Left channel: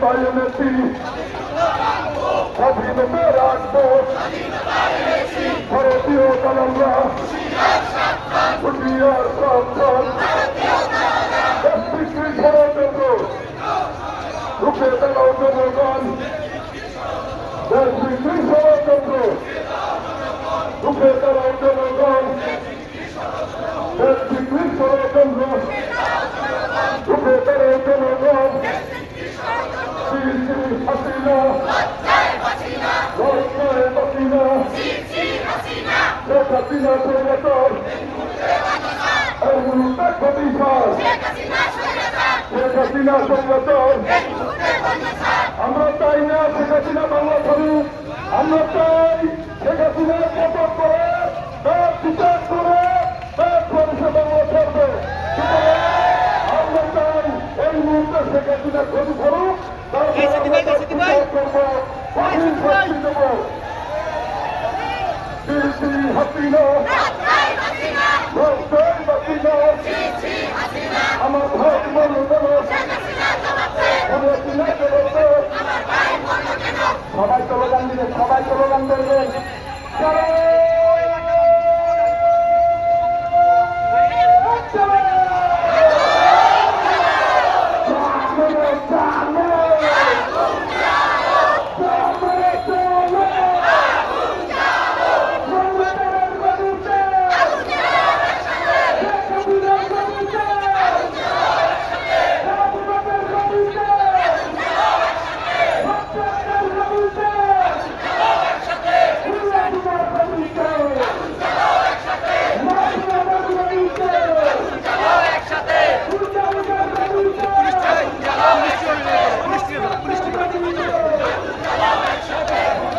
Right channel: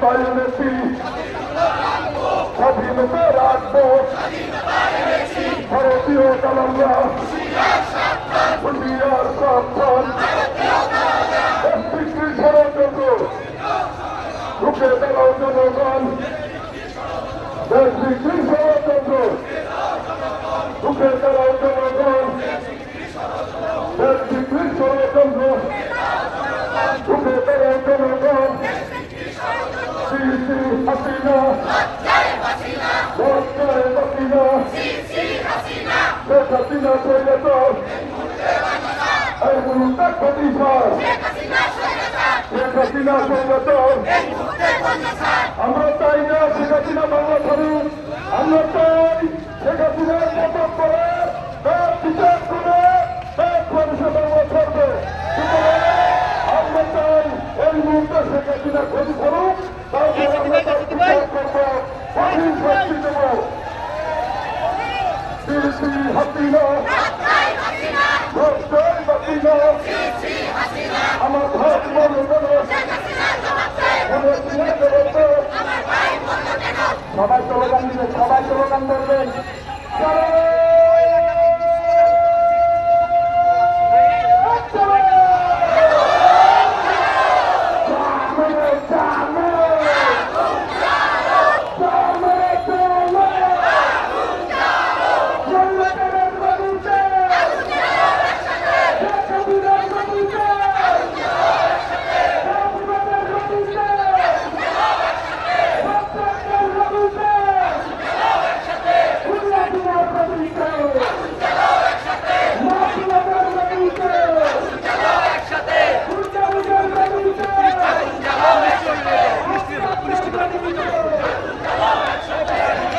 স্বাধীনতায় এনেছি, স্বাধীনতা রাখবো, ভারতীয় কালামরা হুঁশিয়ার সাবধান, বিক্রি ষড়যন্ত্র রুখে দাঁড়াও জনগণ, দেশ বিক্রি ষড়যন্ত্র রুখে দাঁড়াও জনগণ, দেশ বিক্রি ষড়যন্ত্র রুখে দাঁড়াও জনগণ। শ্রী শ্রী হাসিনা লজ্জায় বাসিনা, শেখ হাসিনা স্বৈরাচার, এই মুহূর্তে প্রতিষ্ঠা, শেখ হাসিনা স্বৈরাচার। আমরা চাই না শেখ হাসিনা বাংলা ছাড়ুক, আমরা চাই শেখ হাসিনার পতন করে তার বিচার করে তার মানুষে বাংলা ছাড়বে। আমরা চাই এই মুহূর্তে শেখ হাসিনার ক্ষতি ছাড়ুক, তারপরে করবো কঠিন শাস্তি দেব। হাসিনা আমার ভাই বলল কেন, সবাই স্লোগান দিবে, সবাই স্লোগান করবেন। পুলিশ